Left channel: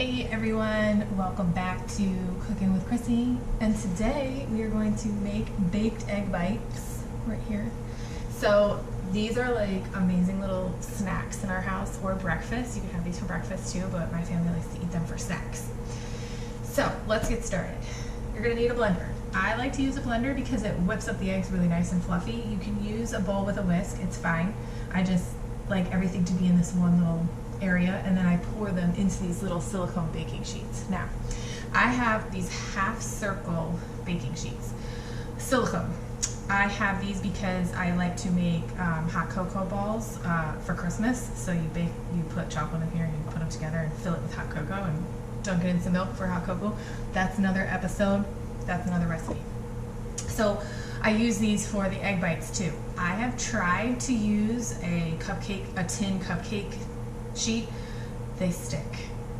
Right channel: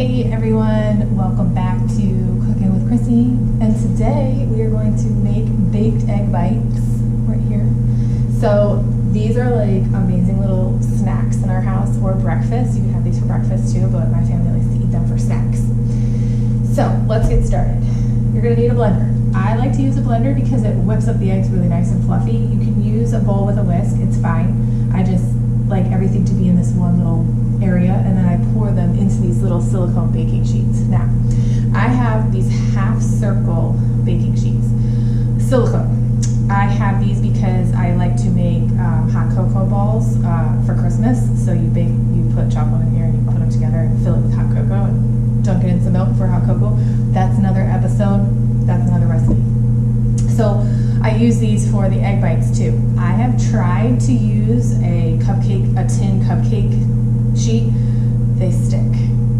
Hey everyone, welcome back to Cooking with Chrissy, and today we are going to make baked egg bites right here. So these are like amazing little snacks in our house or breakfast. You can have these for breakfast too, but my family likes to eat them for snacks. So let's get started. You're gonna need a blender. I like to use a blender because it whips up the eggs really nice and fluffy. You can use a bowl with a whisk, it's fine. I just like everything to be in this one little area, and then I pour them into these little silicone baking sheets. Now, I have these half circle baking sheets, silicone. I have these because I like to make hot cocoa balls for Christmas. So you put chocolate in here, and you put them together and fill it with hot cocoa and dunk it in some milk for hot cocoa. That's another episode, that's another recipe. So I use these for the egg bites too. I have tried to use a tin cupcake sheet. They stick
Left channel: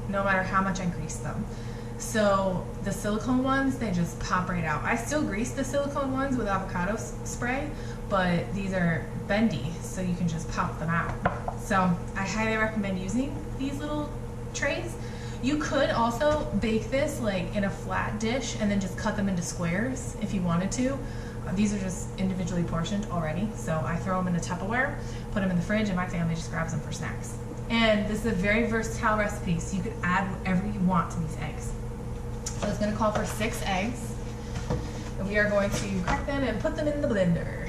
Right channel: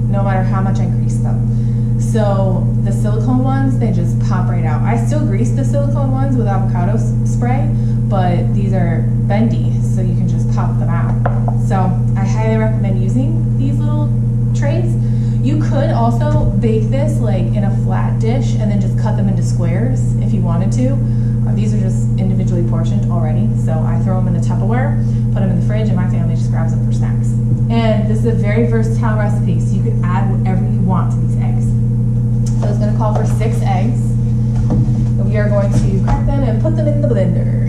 no matter how much I grease them. So the silicone ones, they just pop right out. I still grease the silicone ones with avocado spray, but these are bendy, so you can just pop them out. So I highly recommend using these little trays. You could also bake this like in a flat dish and then just cut them into squares if you wanted to. These are just individually portioned already, so I throw them in a Tupperware, put them in the fridge, and my family just grabs them for snacks. And this is a very versatile recipe, so you can add whatever you want to these eggs. So it's going to call for 6 eggs, and we are going to crack them and put them in the blender.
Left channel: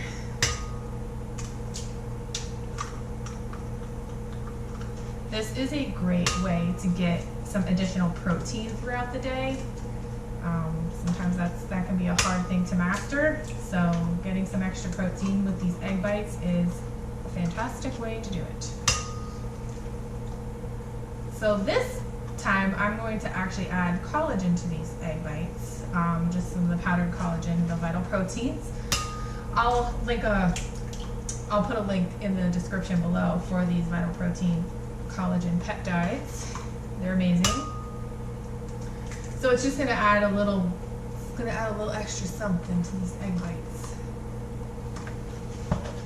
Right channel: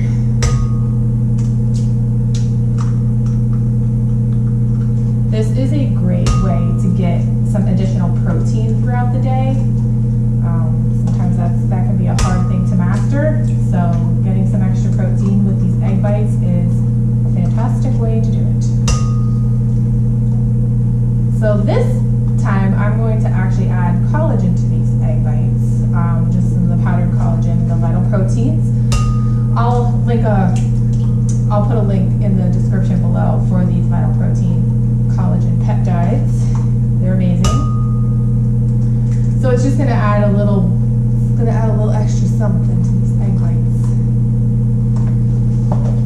This is a great way to get some additional protein throughout the day. Sometimes that can be a hard thing to master, so getting some extra protein with these egg bites is a fantastic way to do it. So this time I'm going to actually add collagen to these egg bites, just some of the powdered collagen, the vital proteins. I'll put a link in the description below for these vital protein collagen peptides. They're amazing. So it's just gonna add a little extra something to these egg bites.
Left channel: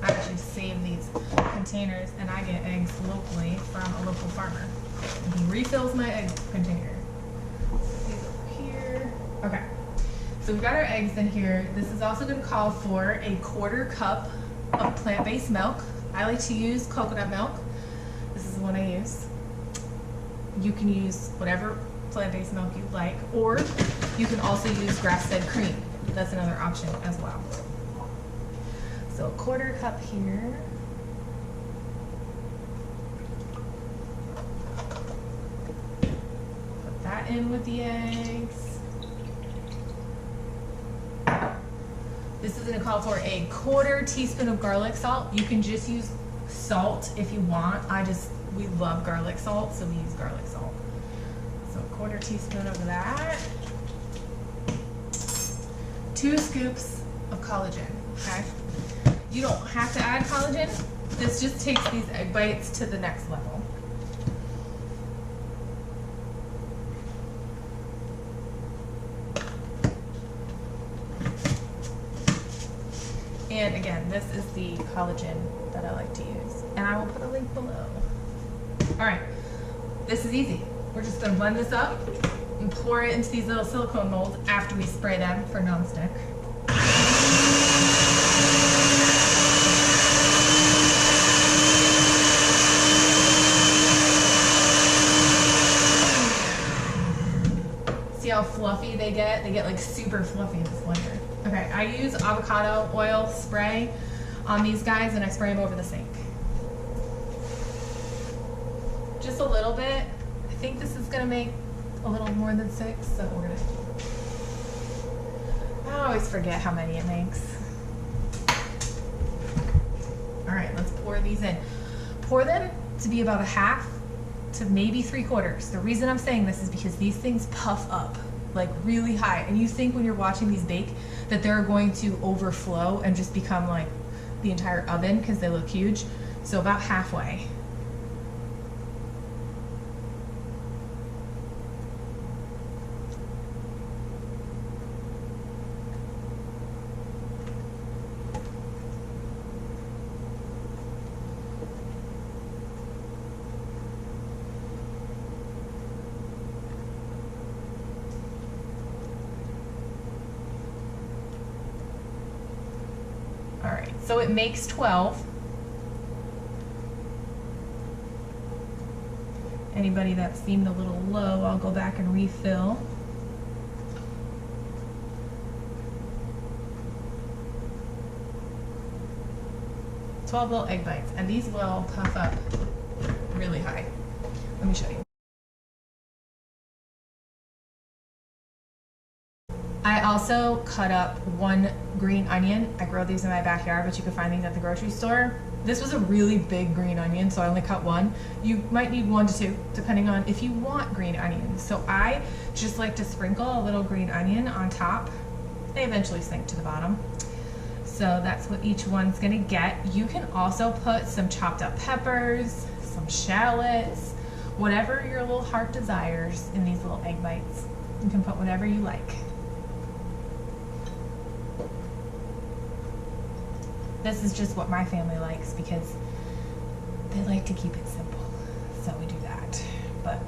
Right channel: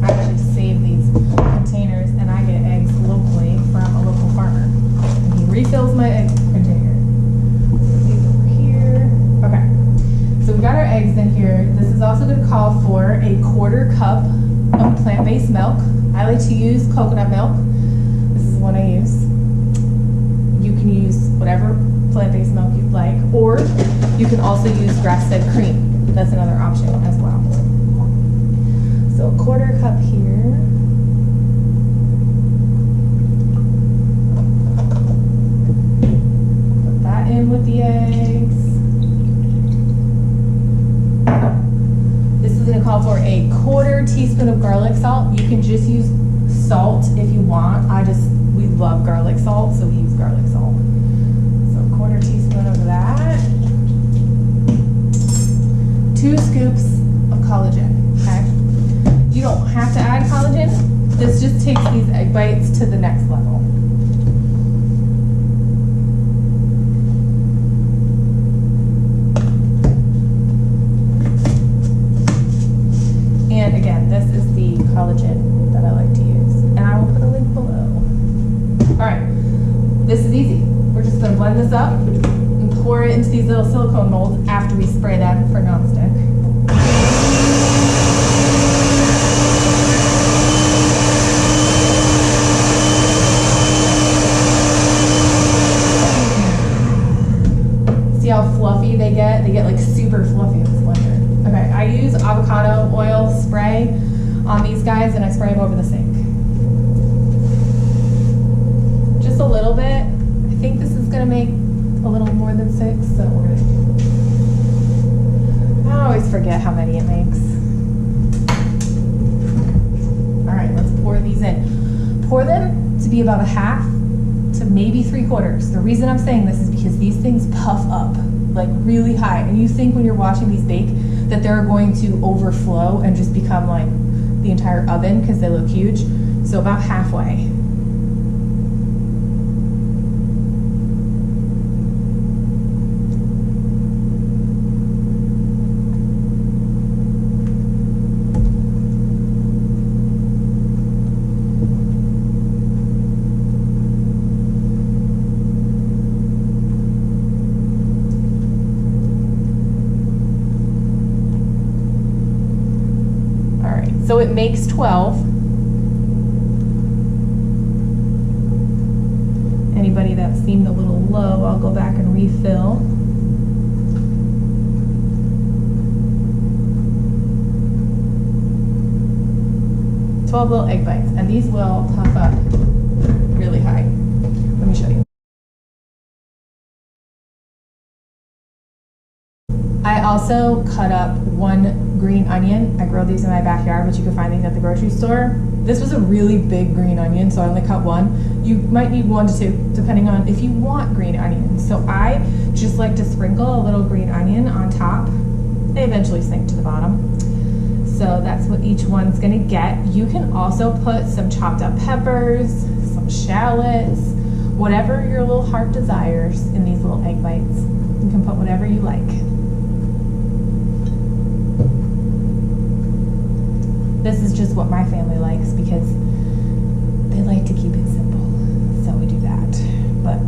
I actually save these containers, and I get eggs locally from a local farmer, and he refills my egg container. Put these over here. Okay, so we got our eggs in here. This is also going to call for a 1/4 cup of plant-based milk. I like to use coconut milk. This is the one I use. You can use whatever plant-based milk you'd like, or you can also use grass-fed cream. That's another option as well. So a 1/4 cup here. Put that in with the eggs. This is going to call for a 1/4 teaspoon of garlic salt. You can just use salt if you want. We love garlic salt, so we use garlic salt. So a 1/4 teaspoon of that. 2 scoops of collagen, okay? You don't have to add collagen. This just takes these egg bites to the next level. And again, this is the collagen that I like to use, and I will put a link below. All right, this is easy. We're just gonna blend this up and pour it into these little silicone molds after we spray them for nonstick. See how fluffy they get? They get like super fluffy in this blender. Okay, I use avocado oil spray on these guys, and I spray them over the sink. Just a little bit. I think this is gonna make a little more than 6, so we're gonna. I always forget how many it makes. All right, let's pour these in. Pour them to be about 1/2 to maybe 3/4. The reason I'm saying this is because these things puff up like really high, and you think when you're watching these bake that they're going to overflow and just become like the entire oven because they look huge. So about halfway. So it makes 12. Anybody that seemed a little low, I'll go back and refill. Little egg bites, and these will puff up really high. Let me show you. I also cut up 1 green onion. I grow these in my backyard, but you can find these at the grocery store. This was a really big green onion, so I only cut 1. You might need 1 to 2, depending on if you want green onions. So I just like to sprinkle a little green onion on top. They eventually sink to the bottom. So that's what each one's gonna get. You can also put some chopped up peppers, some shallots, whatever your little heart desires in these little egg bites. You can put whatever you like. This is just what my family likes because they like to keep it simple. So we do that. But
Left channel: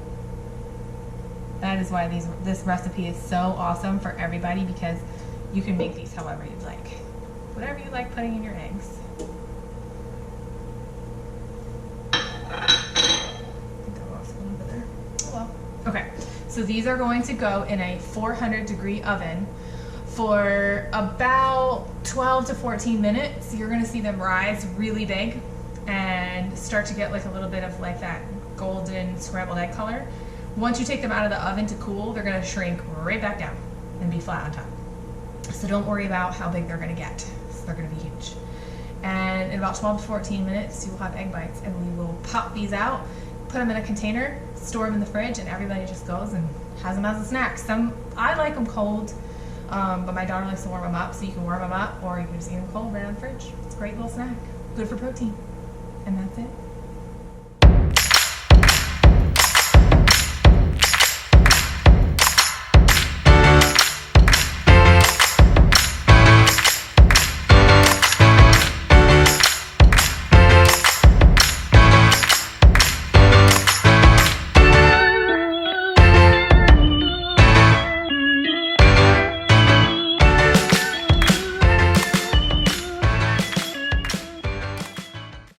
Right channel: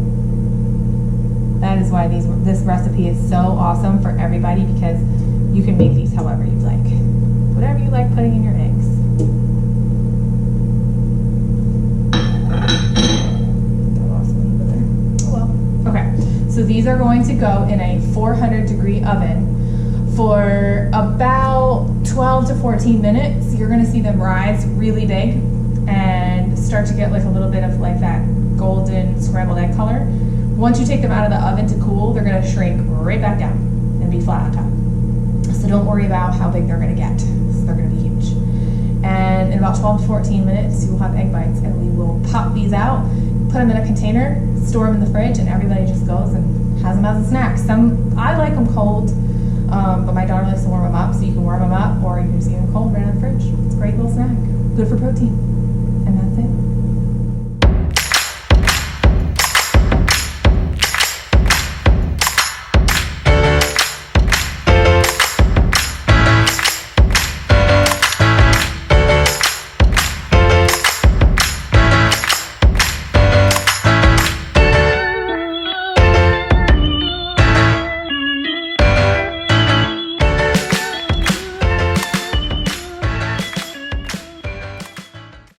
that is why this recipe is so awesome for everybody, because you can make these however you'd like. Whatever you like putting in your eggs. I think I lost one over there. Oh well. Okay, so these are going to go in a 400-degree oven for about 12 to 14 minutes. You're gonna see them rise really big and start to get like a little bit of like that golden scrambled egg color. Once you take them out of the oven to cool, they're gonna shrink right back down and be flat on top. So don't worry about how big they're gonna get. They're going to be huge. And in about 12 to 14 minutes, you will have egg bites, and we will pop these out, put them in a container, store them in the fridge, and everybody just goes and has them as a snack. I like them cold, but my daughter likes to warm them up, so you can warm them up, or you can just eat them cold right out of the fridge. It's a great little snack. Good for protein. And that's it.